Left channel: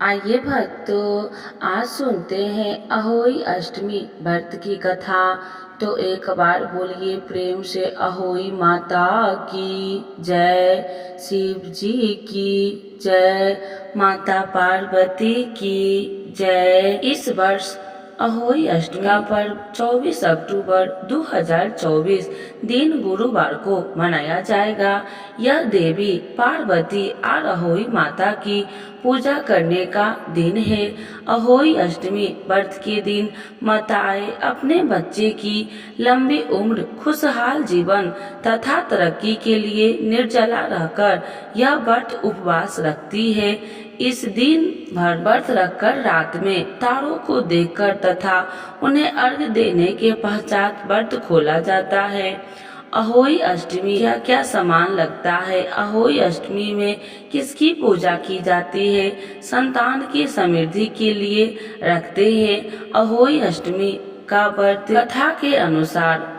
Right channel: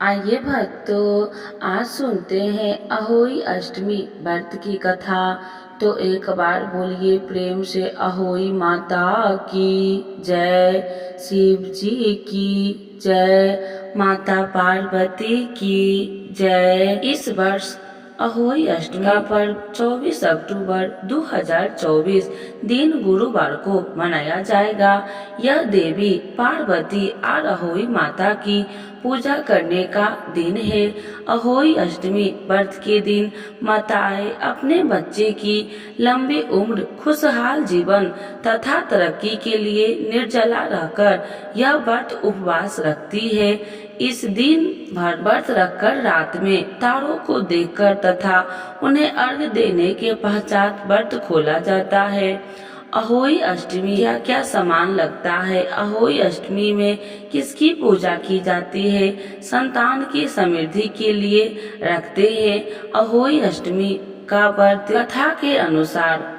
आइए भक्तों, आज सुनते हैं अहोई अष्टमी व्रत की कथा। तो एक बार बोलिए प्रेम से अहोई माता की जय, शिव जी की जय, माता पार्वती की जय। इस वर्ष अहोई अष्टमी का पर्व 24 अक्टूबर 2024 दिन गुरुवार को मनाया जाएगा। यह देवी पार्वती और अहोई माता की पूजा करने का दिन है। अहोई अष्टमी व्रत के दिन माताएं अपने बच्चे की लंबी उम्र, खुशहाल जीवन तथा तरक्की के लिए निर्जला रहकर यह व्रत उपवास रखती है। इस दिन भर व्रत रखकर रात में तारों को देखकर तथा उन्हें अर्घ्य देने के पश्चात व्रत खोला जाता है। अहोई अष्टमी क्या क्या सामान लगता है? अहोई अष्टमी में किसकी पूजा की जाती है? संतान की समृद्धि के लिए रखते हैं। अहोई अष्टमी का व्रत कथा के अनुसार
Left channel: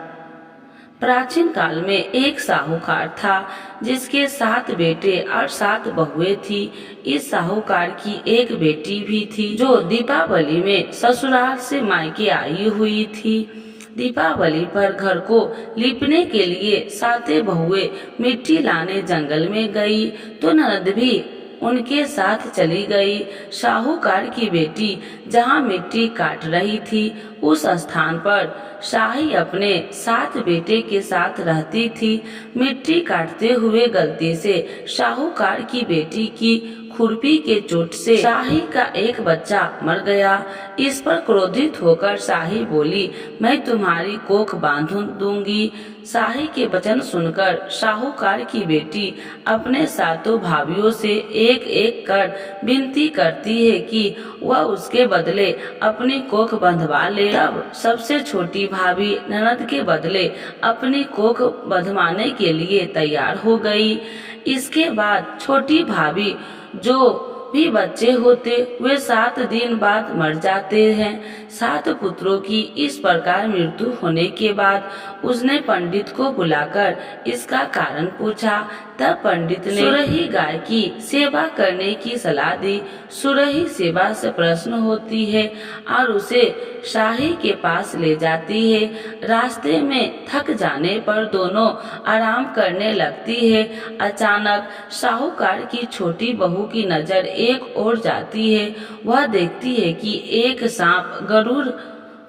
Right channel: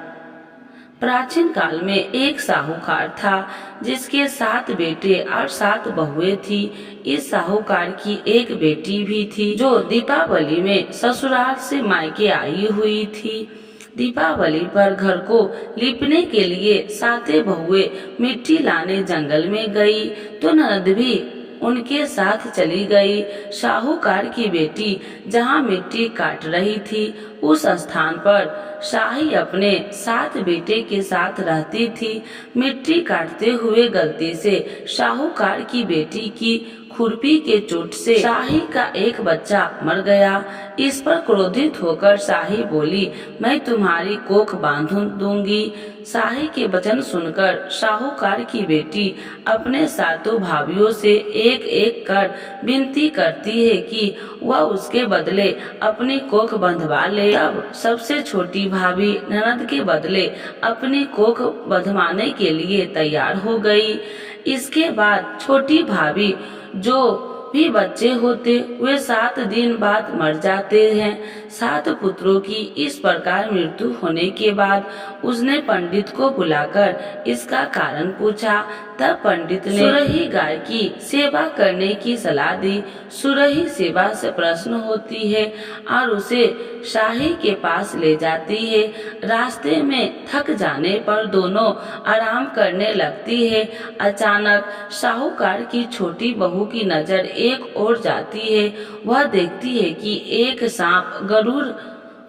प्राचीन काल में एक साहूकार था जिसके 7 बेटे और 7 बहुएं थी। इस साहूकार की एक बेटी भी थी जो दीपावली में ससुराल से मायके आई हुई थी। दीपावली पर घर को लिपने के लिए 7 बहुएं मिट्टी लाने जंगल में गई तो ननद भी उनके साथ चली गई। साहूकार की बेटी जहाँ मिट्टी काट रही थी उस स्थान पर शाही अपने 7 बेटे के साथ रहती थी। मिट्टी काटते हुए गलती से साहूकार की बेटी की खुरपी के चोट से शाही का एक बच्चा मर गया। इस पर क्रोधित होकर शाही बोली, मैं तुम्हारी कोख बांध दूंगी। शाही के वचन सुनकर साहूकार की बेटी अपने 7 भाइयों से एक एक कर विनती करती है कि वह उसके बदले अपनी कोख बंधवा ले। तब सबसे छोटी भाभी ननद के बदले अपनी कोख बंधवाने के लिए तैयार हो गई। इसके बाद छोटी भाभी जो भी बच्चे होते वे 7 दिन बाद मर जाते हैं। 7 पुत्रों की इस प्रकार मृत्यु होने के बाद उसने पंडित को बुलाकर इसका कारण पूछा। तब पंडित ने सुरही गाय की सेवा करने की सलाह दी। सुरही सेवा से प्रसन्न होती है और उसे शाही के पास ले जाती है। रास्ते में थक जाने पर दोनों आराम करने लगती है। अचानक साहूकार की छोटी बहू की नजर एक ओर जाती है। वह देखती है कि एक सांप गरुड़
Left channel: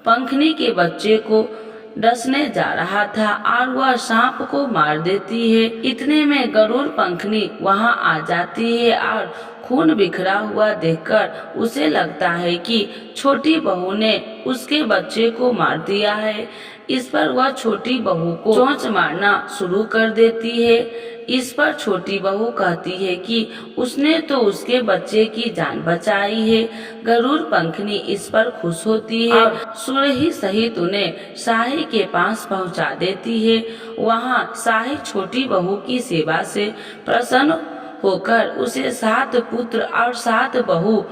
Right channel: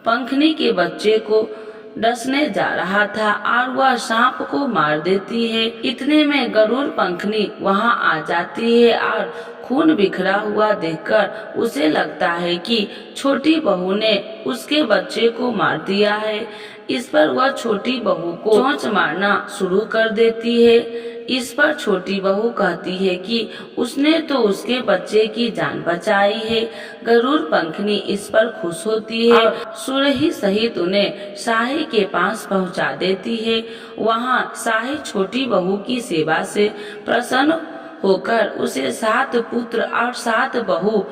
पंखनी के बच्चे को डसने जा रहा था और वह सांप को मार देती है। इतने में गरुड़ पंखनी वहां आ जाती है और खून बिखरा हुआ देखकर उसे लगता है कि छोटी बहू ने उसके बच्चे को मार दिया है। इस पर वह छोटी बहू को चोंच मारना शुरू कर देती है। इस पर छोटी बहू कहती है कि उसने तो उसके बच्चे की जान बचाई है। गरुड़ पंखनी इस पर खुश होती है और सुरही सहित उन्हें शाही के पास पहुंचा देती है। वहां शाही छोटी बहू की सेवा से प्रसन्न होकर उसे 7 पुत्र और 7 बहू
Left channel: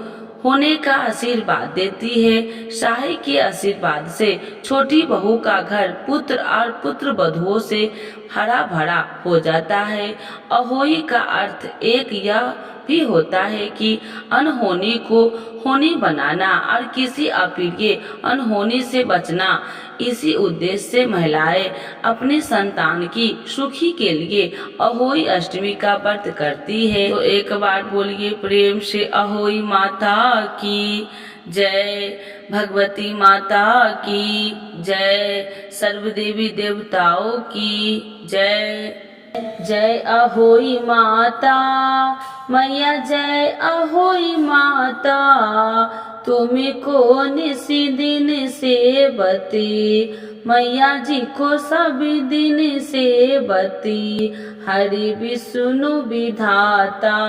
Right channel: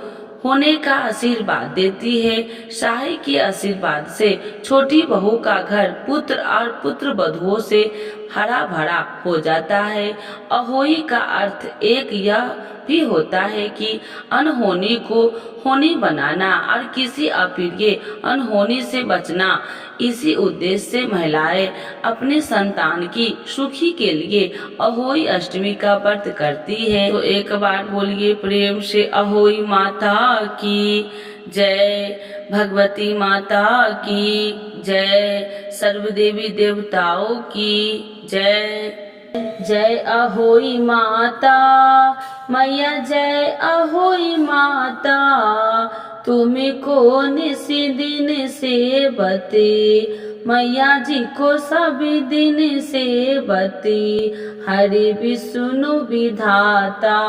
होने का आशीर्वाद देती है। शाही के आशीर्वाद से छोटी बहू का घर पुत्र और पुत्र वधुओं से हरा भरा हो जाता है। अहोई का अर्थ एक यह भी होता है कि अनहोनी को होनी बनाना और किसी अप्रिय अनहोनी से बचना। इसी उद्देश्य से महिलाएं अपनी संतान की सुखी के लिए अहोई अष्टमी का व्रत करती है। तो एक बार बोलिए प्रेम से अहोई माता की जय, भगवती माता की जय, सर्व देवी देवताओं की जय। जय अहोई माता मैया, जय अहोई माता, तुमको निसी दिन से बती, मैया जी को सभी दिन से बती, हरि विष्णु विधाता।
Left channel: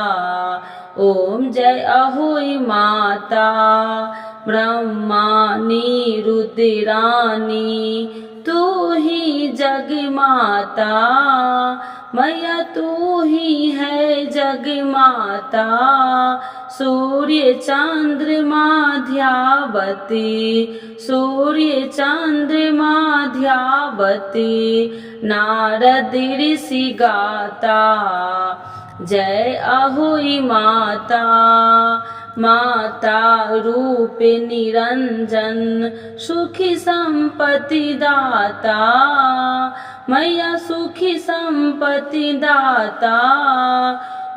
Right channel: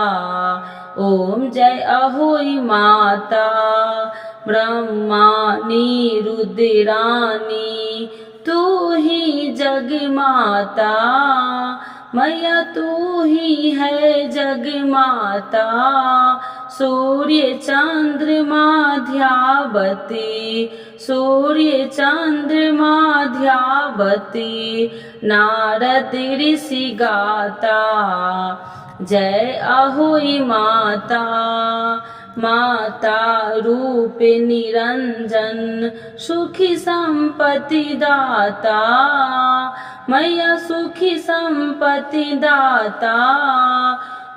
ओम जय अहोई माता, ब्रह्मानी रुद्रानी, तू ही जग माता, मैया तू ही है जग माता। सूर्य चंद्रमा ध्यावती, सूर्य चंद्रमा ध्यावती, नारद ऋषि गाता। जय अहोई माता माता रूप निरंजन सुखी संपत्ति दाता, मैया सुखी संपत्ति दाता।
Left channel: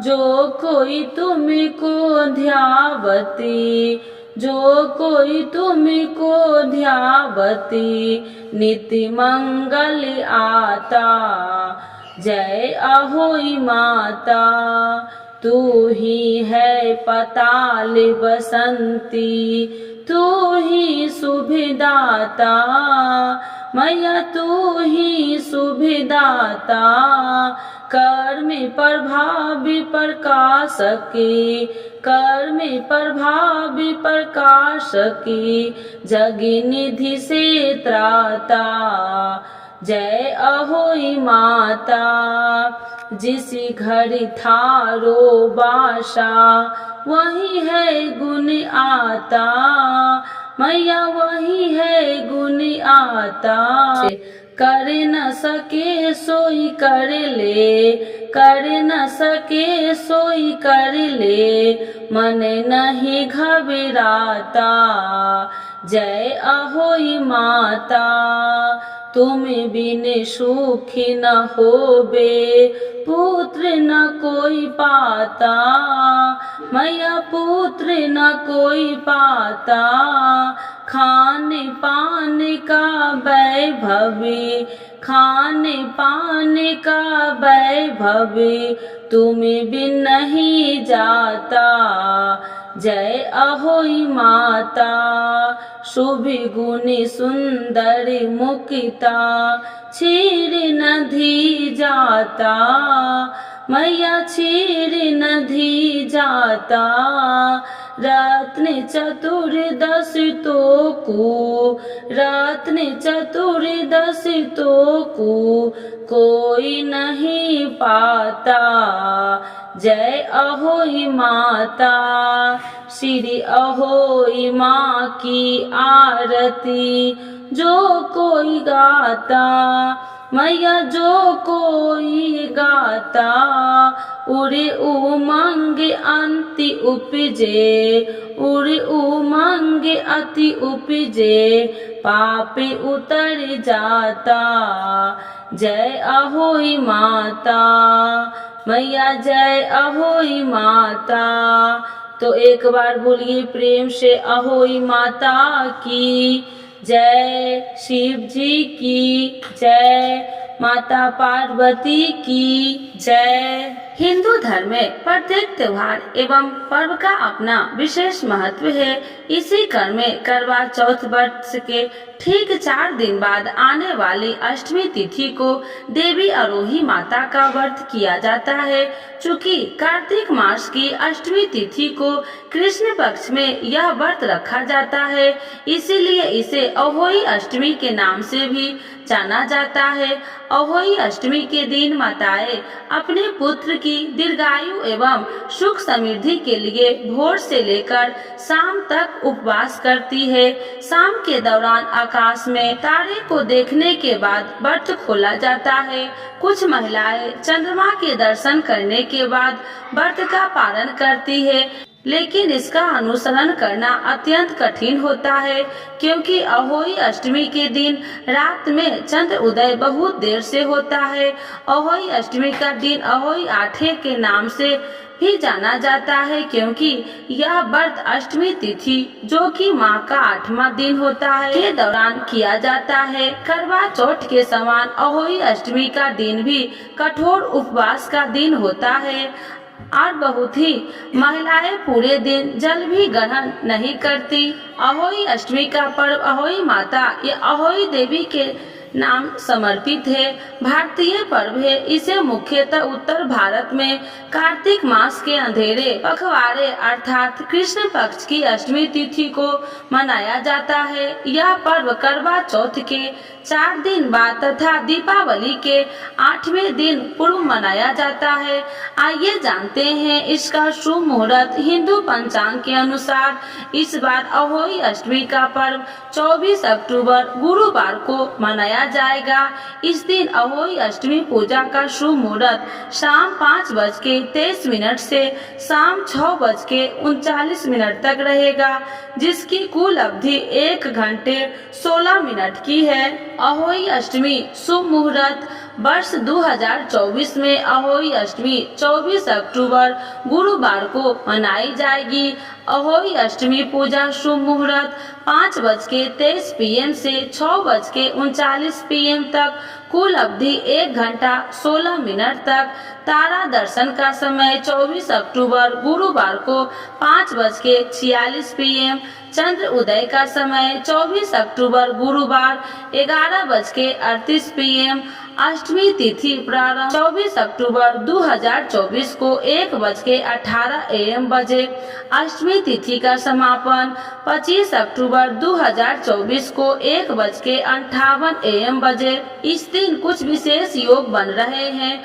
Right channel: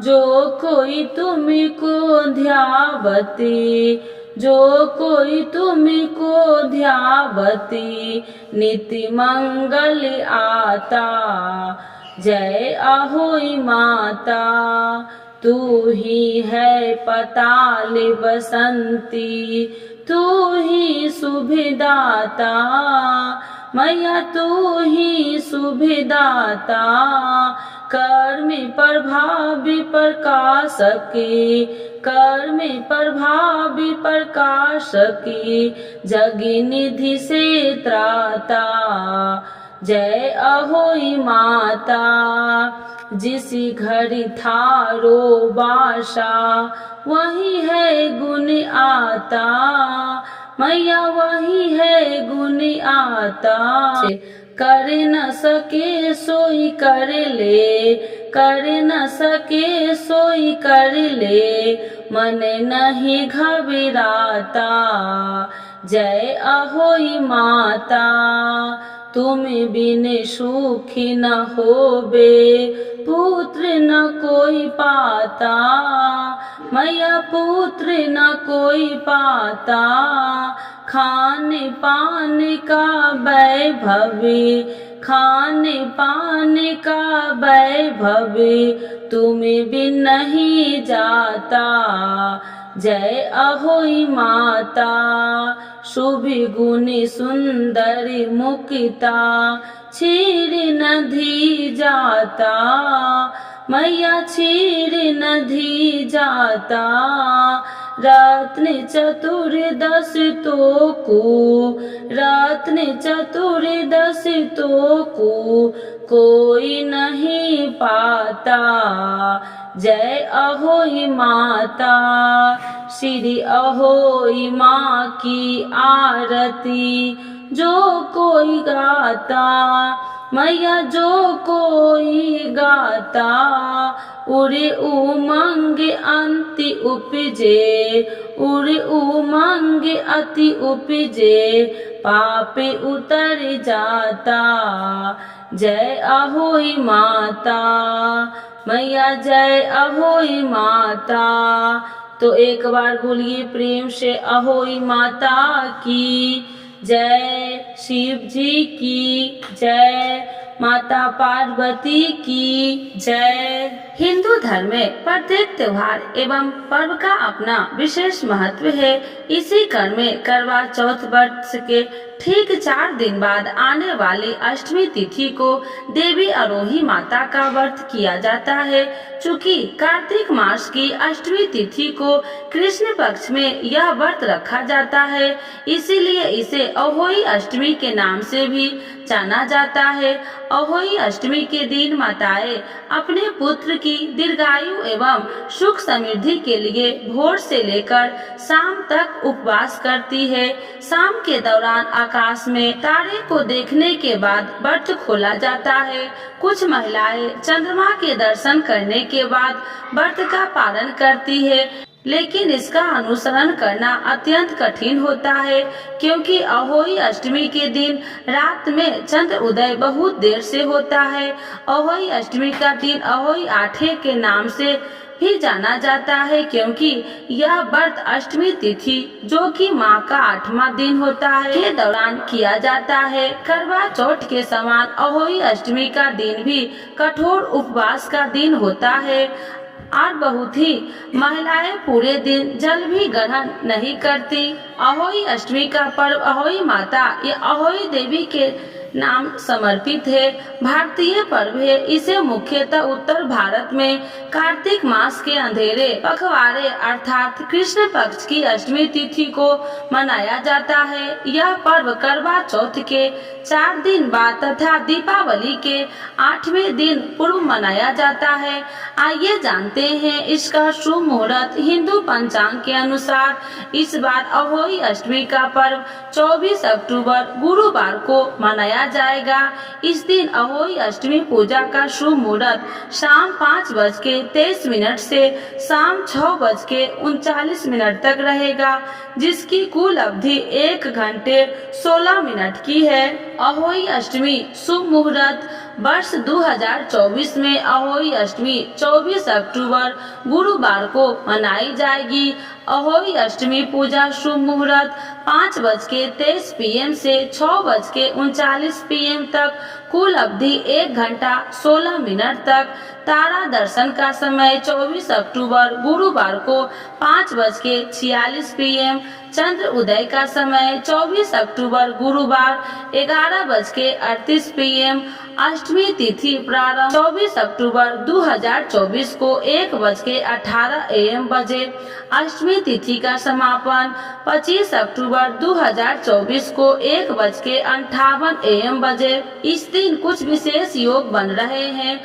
जो कोई तुमको ध्यावती, जो कोई तुमको ध्यावती, नित्य मंगल आता। जय अहोई माता, तू ही है पताल बसंती, तू ही सुभिदाता, मैया तू ही सुभिदाता। कर्म प्रभावी प्रकाशकी, कर्म प्रभावी प्रकाशकी, जगी निधि से त्राता। जय अहोई माता, जिस घर थारो बासा, वही है गुण आता, मैया वही है गुण आता। कर न सके सोई कर ले, कर न सके सोई कर ले, मन नहीं घबराता। जय अहोई माता, तुम बिन सुखी न होबे, पुत्र न कोई पाता, मैया पुत्र न कोई पाता। खान पान का वैभव, खान पान का वैभव, तुम बिन नहीं जाता। जय अहोई माता, शुभ गुण सुंदर मुक्ता, क्षीर नदी जाता, मैया क्षीर नदी जाता। रत्न चतुर्दश तोकू, रत्न चतुर्दश तोकू, कोई नहीं पाता। जय अहोई माता, श्री अहोई माँ की आरती, जो कोई गाता, मैया जो कोई गाता। उरे उमंग अंति उपजे, उरे उमंग अति उपजे, पाप उतर जाता। जय अहोई माता, मैया जय अहोई माता। तो एक बार बोलिए प्रेम से अहोई माता की जय, शिव जी की जय, माता पार्वती की जय। हिंदू धर्म में प्रत्येक त्योहार एवं पर्व का अपना विशेष महत्व है। इसी क्रम में करवा चौथ व्रत के ठीक 4 दिन बाद आने वाली अष्टमी तिथि को देवी अरोही माता का व्रत किया जाता है। चूँकि कार्तिक मास की अष्टमी तिथि को कृष्ण पक्ष में यह व्रत रखा जाता है, इसीलिए इसे अहोई अष्टमी के नाम से भी जाना जाता है। अहोई अष्टमी के दिन माताएं अपने पुत्र की दीर्घायु एवं सुख समृद्धि के लिए भोर से लेकर शाम तक उपवास करती है। शाम के दौरान आकाश में तारे को देखने के बाद व्रत खोला जाता है। कुछ महिलाएं चंद्रमा के दर्शन करने के बाद व्रत का पालन करती है, लेकिन इसका अनुसरण करना अत्यंत कठिन होता है, क्योंकि अहोई अष्टमी के दिन रात में चंद्र उदय बहुत देर से होता है। अहोई अष्टमी का दिन अहोई आठे के नाम से भी जाना जाता है, क्योंकि यह व्रत अष्टमी तिथि जो कि माह का 8वां दिन होता है के दौरान किया जाता है। करवा चौथ के समान अहोई अष्टमी का दिन भी कठोर उपवास का दिन होता है और बहुत ही महिलाएं पूरे दिन जल भी ग्रहण नहीं करती। अहोई अष्टमी का पर्व अहोई माता या अहोई देवी के नाम समर्पित है। भारतीय पर्व है। इसे मुख्यतः उत्तर भारत में कार्तिक मास के अंधेरे पखवाड़े अर्थात कृष्ण पक्ष की अष्टमी तिथि को मनाया जाता है। यह पर्व करवा चौथ के 4 दिन बाद तथा दीपावली के 8वें दिन पूर्व मनाया जाता है। आइए जानते हैं इसका शुभ मुहूर्त। हिंदू पंचांग के अनुसार इस बार अहोई अष्टमी का पर्व 24 अक्टूबर गुरुवार को मनाया मनाया जाएगा। इस दिन अहोई अष्टमी पूजा का शुभ मुहूर्त शाम 5:23 से शाम 6:39 तक रहेगा, जिसकी कुल अवधि 1 घंटे 16 मिनट की है। अहोई अष्टमी शुभ मुहूर्त वर्ष 2024 में अहोई अष्टमी 24 अक्टूबर गुरुवार को मनाई जाएगी। अहोई अष्टमी पूजा शुभ मुहूर्त 5:23 PM से 6:39 PM तक, कुल अवधि 1 घंटा 16 मिनट तक। तारा दर्शन का समय 24 अक्टूबर गुरुवार को 5:46 PM। चंद्र उदय का समय 24 अक्टूबर गुरुवार 11:38 PM। अष्टमी तिथि प्रारंभ 24 अक्टूबर 2024 को 1:18 AM बजे। अष्टमी तिथि का समापन 25 अक्टूबर 2024 को 1:58 AM बजे। इस दिन कुछ विशेष योग बन रहे हैं।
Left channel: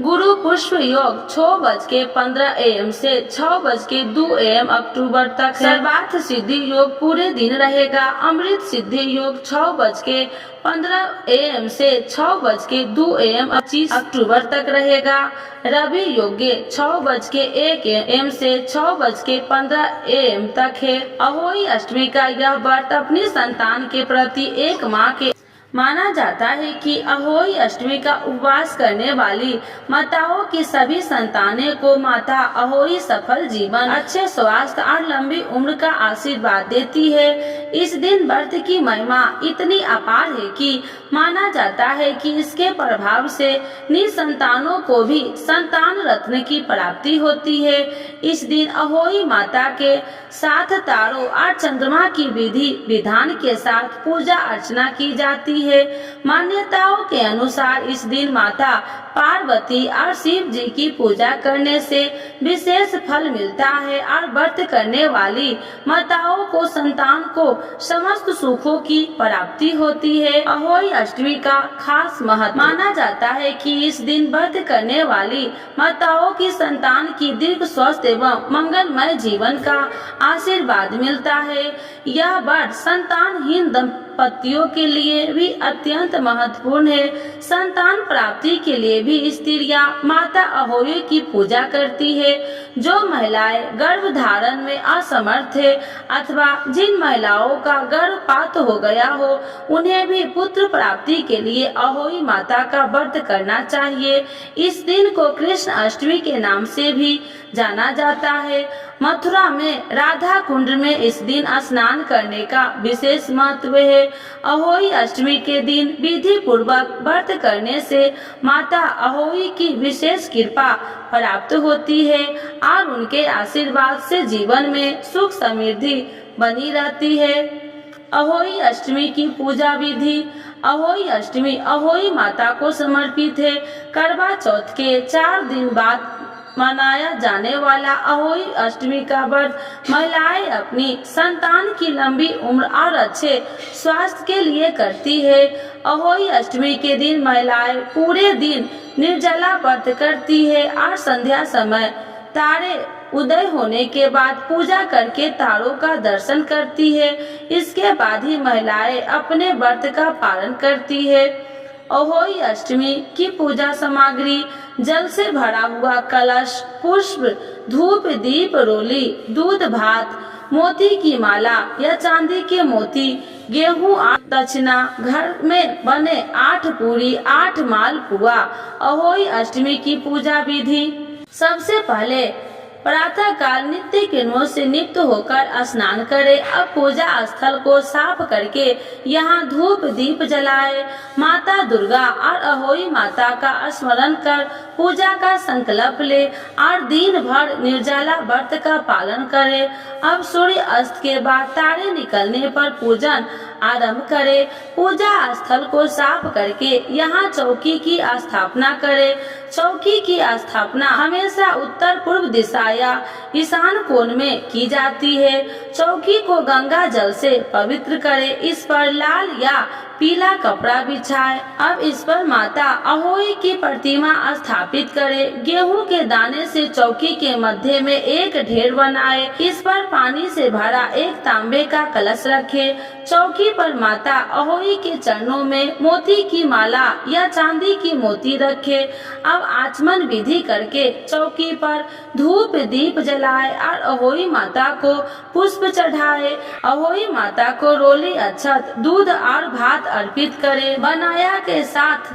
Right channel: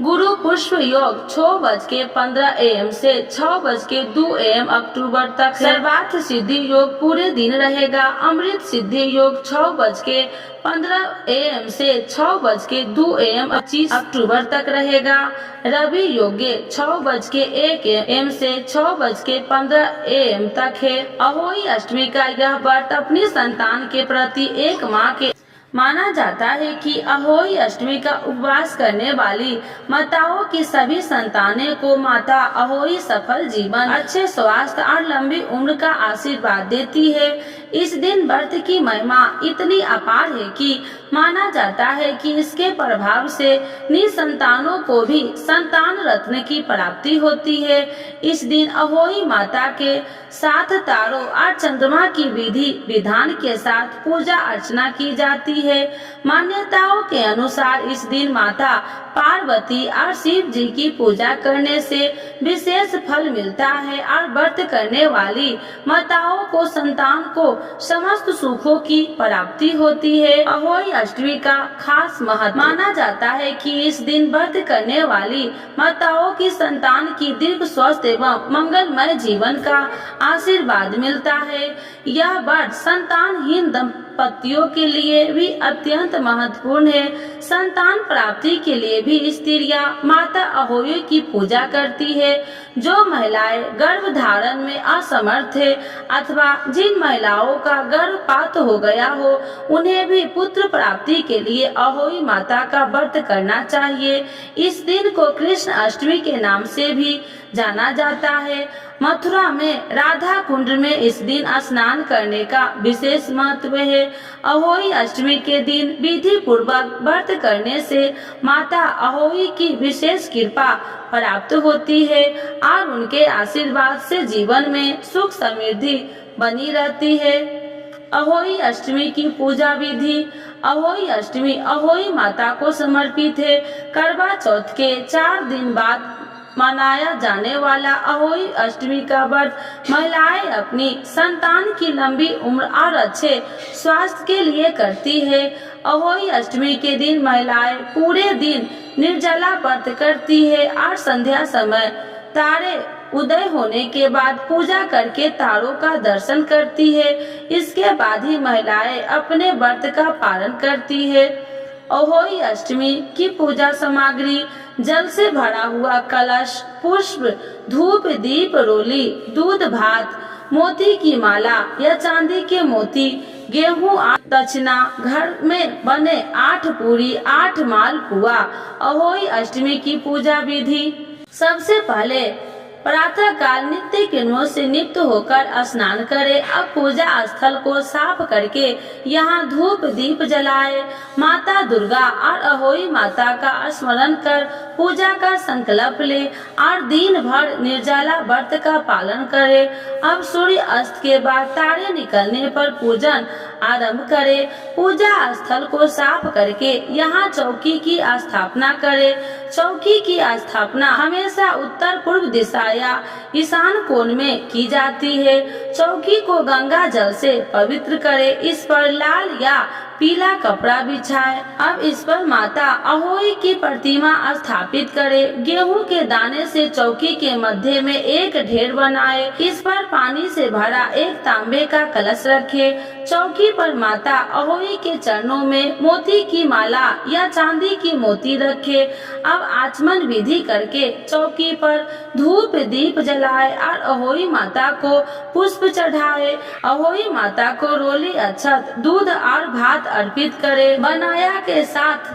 गुरु पुष्प योग 6:15 AM से 6:02 AM अक्टूबर तक। सर्वार्थ सिद्धि योग पूरे दिन रहेगा। अमृत सिद्धि योग 6:15 AM से 6:02 AM 25 अक्टूबर तक रहेगा। रवि योग्य 6:01 AM से 6:15 AM तक है। अहोई अष्टमी का यह व्रत अपनी संतान के प्रति एक माँ के माना जाता है कि अहोई अष्टमी का उपवास करने वाली माताओं की सभी संतानें को माता अहोई सफल जीवन, अच्छे स्वास्थ्य और लंबी उम्र का आशीर्वाद देती है। इस दिन व्रत की महिमा इतनी अपार है कि माना जाता है कि इसके प्रभाव से निसंतानों को भी संतान रत्न की प्राप्ति होती है। इस दिन अहोई माता के साथ तारों और चंद्रमा की विधि विधान के साथ पूजा अर्चना की जाती है। मान्यताओं के अनुसार इस दिन माता पार्वती और शिव जी की पूजा करने से विशेष फल मिलता है और व्रत करने वाली माताओं को संतान को समस्त सुखों की प्राप्ति होती है। अहोई अष्टमी का खास महत्व माना जाता है कि इस दिन व्रत करने वाली माताओं की संतान की दीर्घ स्वस्थ एवं मंगलमय जीवन का आशीर्वाद मिलता है। यह व्रत संतानहीन दंपतियों के लिए भी अत्यंत महत्वपूर्ण है। संतान प्राप्ति के लिए भी स्त्रियां माता अहोई की पूजा करती है। जो महिलाएं गर्भ धारण में असमर्थ है अथवा जिन महिलाओं का गर्भपात हो गया हो, उन्हें भी पुत्र प्राप्ति के लिए अहोई माता का व्रत करना चाहिए। इस दिन को कृष्ण अष्टमी के नाम से भी जाना जाता है। मथुरा में राधा कुंड में इस दिन स्नान करने का विशेष महत्व है। अहोई अष्टमी के दिन विधि पूर्वक व्रत करने से माता अहोई की विशेष कृपा प्राप्त होती है और उनके आशीर्वाद से जीवन में सुख समृद्धि बनी रहती है। अहोई अष्टमी की पूजा विधि। अहोई अष्टमी अहोई माता को समर्पित है। करवा चौथ के 4 दिन बाद मनाया जाने वाला अहोई अष्टमी का व्रत महिलाएं अपनी संतान की लंबी उम्र और अच्छे स्वास्थ्य के लिए करती है। अहोई अष्टमी के दिन महिलाएं पूरे दिन निर्जला व्रत करती है और संध्या समय तारे उदय होने के बाद पूजा करके तारों का दर्शन करती है। इसके बाद ही महिलाएं अपने व्रत का पालन करती है। अहोई अष्टमी की पूजा सामग्री: जल से भरा हुआ कलश, पुष्प, धूप, दीप, रोली, दूध भात, मोती की माला या चांदी के मोती, गेहूं और दक्षिणा, घर में बने 8 पूरी, 8 मालपुआ। अहोई अष्टमी की पूजा विधि: सबसे पहले प्रातः काल नित्य कर्मों से निवृत्त होकर स्नान करें। अब पूजा स्थल को साफ करके यहाँ धूप दीप जलाए। माता दुर्गा और अहोई माता का स्मरण कर पूजा का संकल्प ले और दिन भर निर्जला व्रत का पालन करे। अब सूर्य अस्त के बाद तारे निकलने पर पूजन आरंभ करे। पूजा स्थल को साफ करके यहाँ चौकी की स्थापना करे। चौकी की स्थापना हमेशा उत्तर पूर्व दिशा या ईशान कोण में की जाती है। चौकी को गंगा जल से पवित्र करे, इस पर लाल या पीला कपड़ा बिछाए। अब इस पर माता अहोई की प्रतिमा स्थापित करे। गेहूं के दाने से चौकी के मध्य में एक ढेर बनाए, इस पर पानी से भरा एक तांबे का कलश रखे। चौकी पर माता अहोई के चरणों में मोती की माला या चांदी की मोती रखे। अब आचमन विधि करके चौकी पर धूप दीप जलाए और अहोई माता को पुष्प चढ़ाए। अहोई माता को रोली, अक्षत, दूध और भात अर्पित करे। बनाया के साथ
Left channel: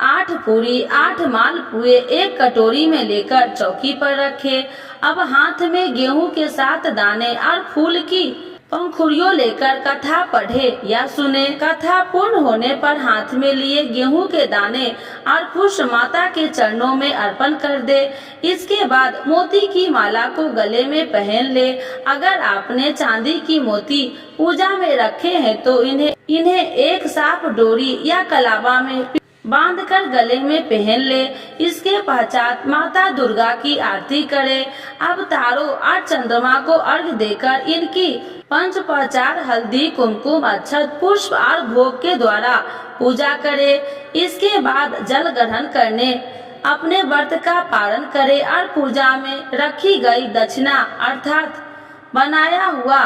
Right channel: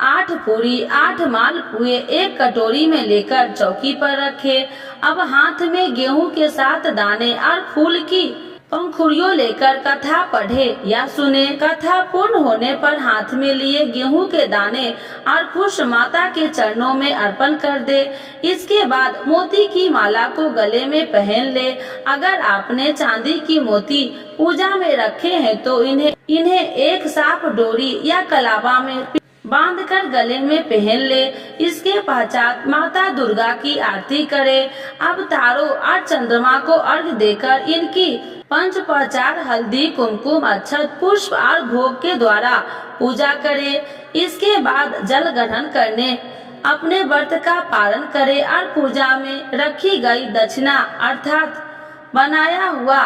8 पूरी 8 मालपुए एक कटोरी में लेकर चौकी पर रखे। अब हाथ में गेहूं के 7 दाने और फूल की पंखुड़ियों लेकर कथा पढ़े या सुने। कथा पूर्ण होने पर हाथ में लिए गेहूं के दाने और पुष्प माता के चरणों में अर्पण कर दे। इसके बाद मोती की माला को गले में पहन ले। अगर आपने चांदी की मोती पूजा में रखे हैं तो इन्हें एक साफ डोरी या कलावा में बांधकर गले में पहन ले। इसके पश्चात माता दुर्गा की आरती करे। अब तारों और चंद्रमा को अर्घ्य देकर इनकी पंचोपचार हल्दी, कुमकुम, अक्षत, पुष्प और भोग के द्वारा पूजा करे। इसके बाद जल ग्रहण करने अपने व्रत का पालन करे और पूजा में रखी गई दक्षिणा अर्थात बनाया हुआ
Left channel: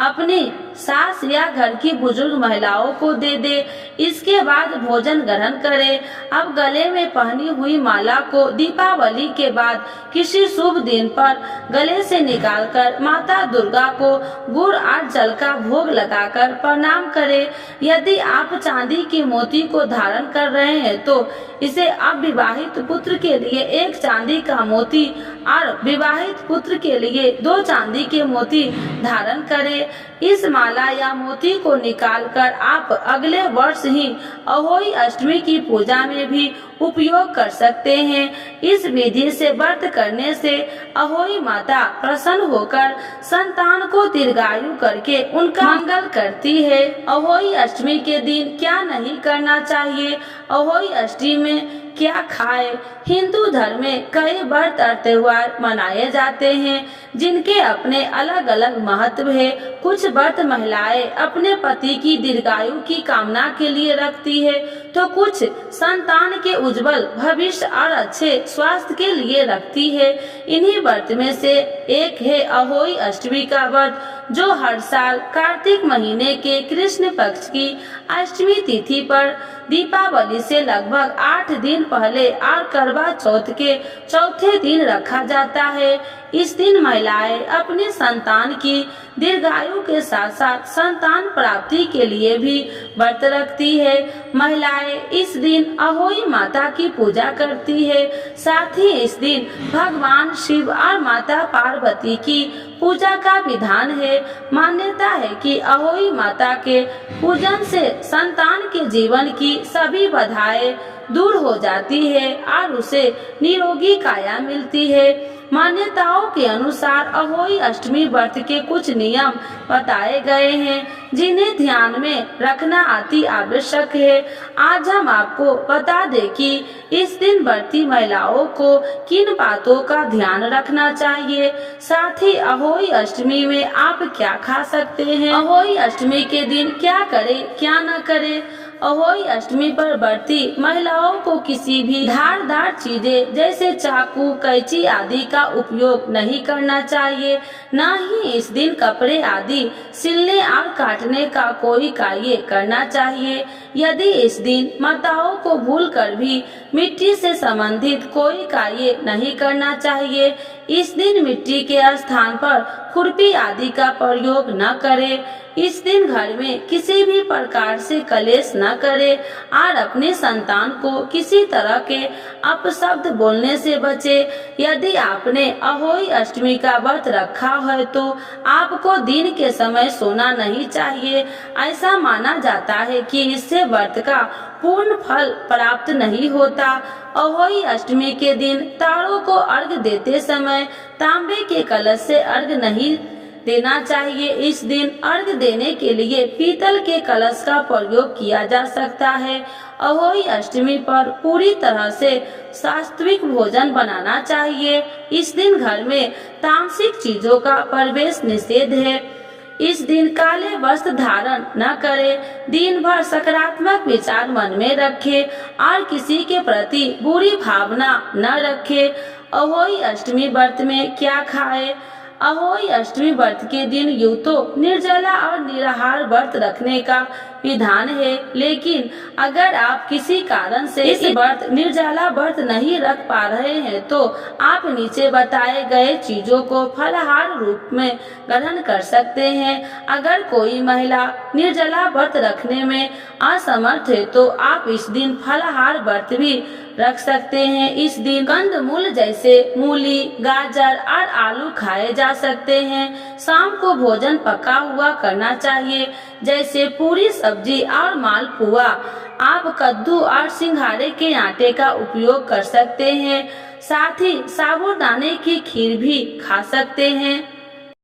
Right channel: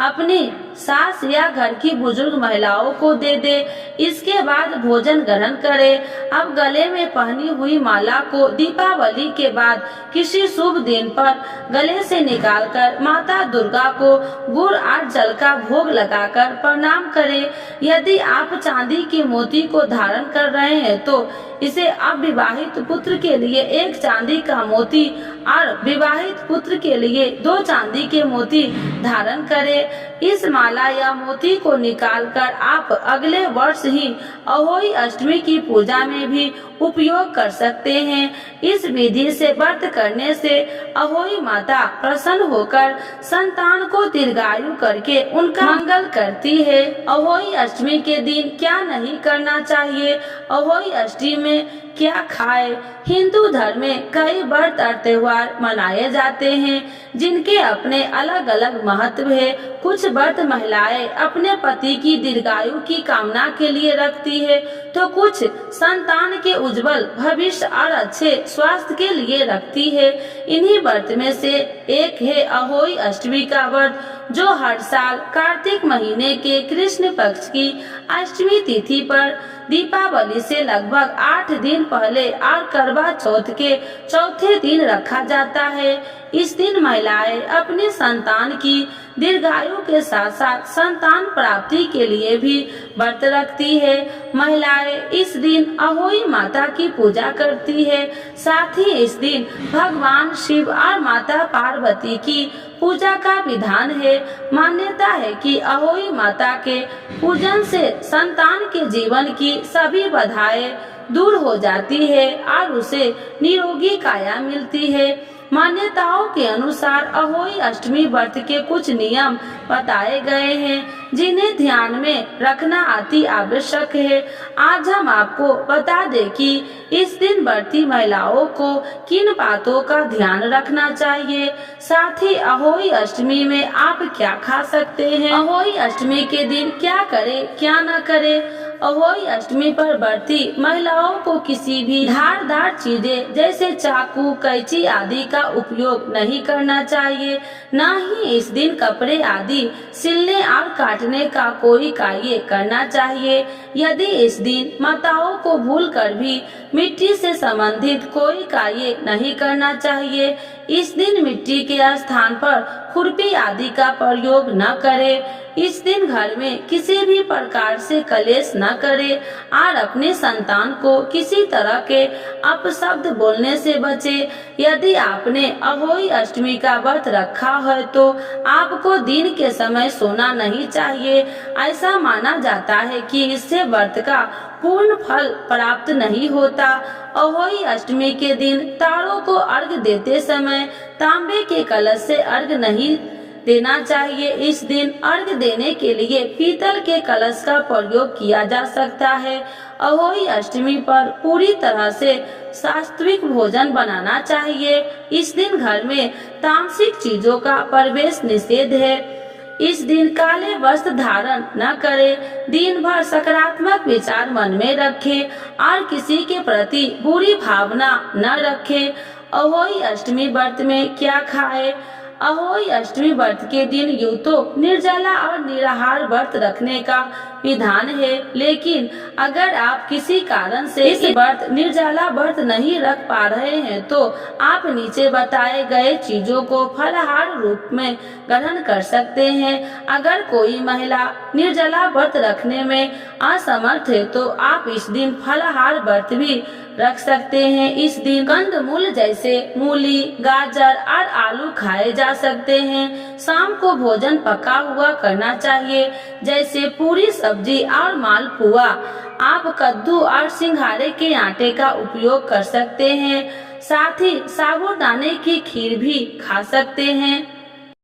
अपनी सास या घर की बुजुर्ग महिलाओं को दे दे। इसके बाद भोजन ग्रहण करे। अब गले में पहनी हुई माला को दीपावली के बाद किसी शुभ दिन पर गले से निकालकर माता दुर्गा को गुड़ और जल का भोग लगाकर प्रणाम करे। यदि आप चांदी के मोती को धारण कर रहे हैं तो इसे अविवाहित पुत्र के लिए 1 चांदी का मोती और विवाहित पुत्र के लिए 2 चांदी के मोती धारण करें। इस माला या मोती को निकालकर आप अगले वर्ष ही अहोई अष्टमी की पूजा में भी उपयोग कर सकते हैं। इस विधि से व्रत करने से अहोई माता प्रसन्न होकर संतान को दीर्घायु करके उनका मंगल करती है। अहोई अष्टमी के दिन क्या नहीं करना चाहिए, अहोई अष्टमी में क्या खाए। हिंदू धर्म में कई व्रत और त्योहार मनाए जाते हैं जिनके अपने अलग अलग महत्व है। कुछ व्रत महिलाएं अपने पति की दीर्घायु की कामना के लिए रखती है तो कुछ संतान के उज्जवल भविष्य और अच्छे स्वास्थ्य के लिए रखती है। इन्हीं व्रत में से एक है अहोई अष्टमी का व्रत, जो हर साल कार्तिक महीने के कृष्ण पक्ष की अष्टमी तिथि पर दीपावली से लगभग 8 दिन पहले और करवा चौथ के चौथे दिन रखा जाता है। इस दिन महिलाएं अपने संतान की दीर्घायु के साथ साथ संतान प्राप्ति के लिए भी व्रत रखती है। महिलाएं इस दिन अहोई माता की पूजा करती है। साथ ही इस दिन भगवान शिव और माता पार्वती की पूजा का विधान है। मान्यता है कि अहोई माता के पूजन से संतान के जीवन की सभी बाधाएं दूर हो जाती है और उसे निरोगी काया मिलती है। मान्यताओं के अनुसार अहोई अष्टमी व्रत के कुछ नियम बताए गए हैं जिन्हें ध्यान में रखना अति आवश्यक है। आज हम आपको बता दें कि इस दिन व्रती महिलाओं को किन बातों का ध्यान रखना चाहिए, साथ ही अहोई अष्टमी में आप क्या खा सकते हैं, अहोई अष्टमी के दिन क्या करें क्या न करें। अहोई अष्टमी पर व्रती महिलाओं को किसी भी धारदार चीजें जैसे चाकू, कैंची आदि का उपयोग नहीं करना चाहिए। न ही इस दिन कपड़े आदि सिलने और काटने का कोई कार्य करना चाहिए। यदि इस दिन माताओं को भूलकर भी मिट्टी से संबंधित कोई कार्य नहीं करना चाहिए। इस दिन मिट्टी के स्थान पर खुरपी आदि का प्रयोग न करें। इस दिन घर में किसी भी प्रकार से कलेश न करें और अपने संतान को किसी तरह के अपशब्द बोलने से बचे। यदि आपने अहोई अष्टमी का व्रत रखा है तो आपको दिन के समय सोना नहीं चाहिए। ऐसा माना जाता है कि इससे व्रत का पूर्ण फल प्राप्त नहीं होता। अहोई अष्टमी के दिन तारों को अर्घ्य देते समय तांबे के कलश से अर्घ्य नहीं देना चाहिए। इस दिन अर्घ्य देने के लिए पीतल के कलश का प्रयोग किया जा सकता है। अहोई अष्टमी पर पूरी तरह से सात्विक भोजन बनाना चाहिए। इस दिन घर में तामसिक चीजों का प्रवेश निषेध है। इस दिन काले वस्त्र धारण न करें। दिन भर सकारात्मक विचार मन में रखें और किसी के प्रति बुरी भावना न रखें। अहोई अष्टमी व्रत में क्या खाएं? अहोई अष्टमी व्रत के दिन यूं तो निर्जला और निराहार व्रत रखने का विधान है, लेकिन अगर आप किसी कारण से इस निर्जला व्रत नहीं रख पा रहे हैं तो आप नीचे बताए गए चीजों को फलाहार रूप में ग्रहण कर सकते हैं। अगर कोई महिला निर्जला व्रत रखने में असमर्थ है तो आप इस दिन फलाहार व्रत भी रख सकते हैं। इस दिन कंदमूल जैसे मूली, गाजर और आलू खाए जा सकते हैं। शाम को भोजन पका हुआ करना चाहिए, जैसे पूरी, सब्जी और मालपुआ। आप कद्दू और सिंघाड़े के आटे का उपयोग कर सकते हैं। साथ ही साबूदाने की खीर भी खा सकते हैं।